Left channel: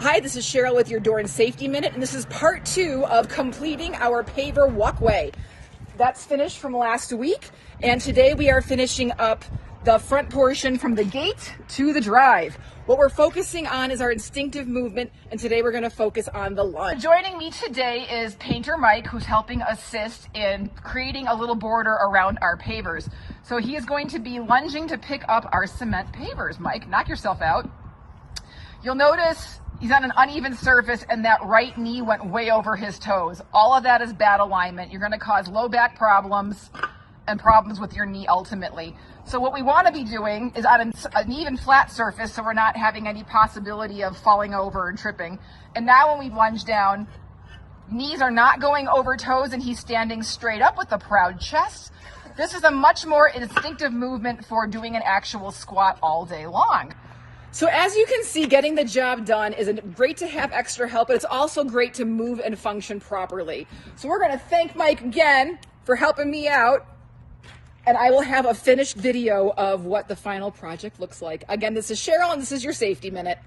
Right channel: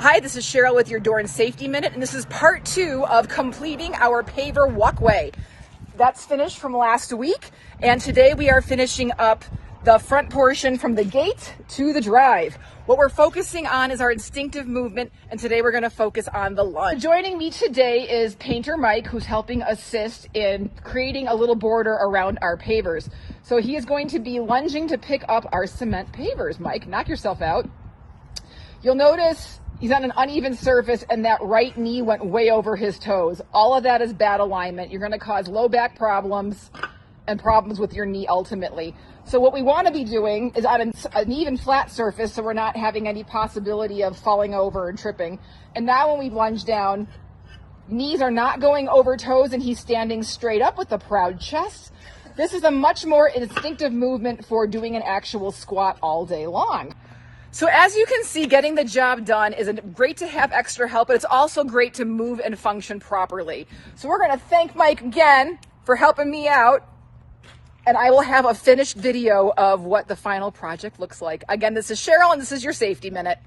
Hi, this is Cheryl with your DORN Safety Minute, and this is part 2 of completing our paver walkway. That's finished from last week, and today we are finishing up the front portion from the gate to the drive. What we're focusing on is our instinctive movement, and today we're going to focus on the lunge. Joining me today is Painter Mike, who's helping assist in creating a little border around our pavers. So he is going to be lunging to pick up our cement pavers. Mike, knock yourself out. You'll notice he's on an uneven surface and that right knee went way over his toes. All of that is bad alignment. You're going to cause low back problems and problems with your knee ultimately. So what we want to be doing is on an even flat surface so we're not having any possibility of falling over and tripping. And now when we lunge down, knees are not going over toes and he's standing straight up with a proud chest. This is a much more instinctive movement for doing an actual squat all day long. So as you can see, getting the job done is great to have extra help, but it's also great to move and function properly. So we're going to thank Mike again for helping me out, and I will have a finished video of what the final project looks like. Again, this is Cheryl, and this is your Safety Minute.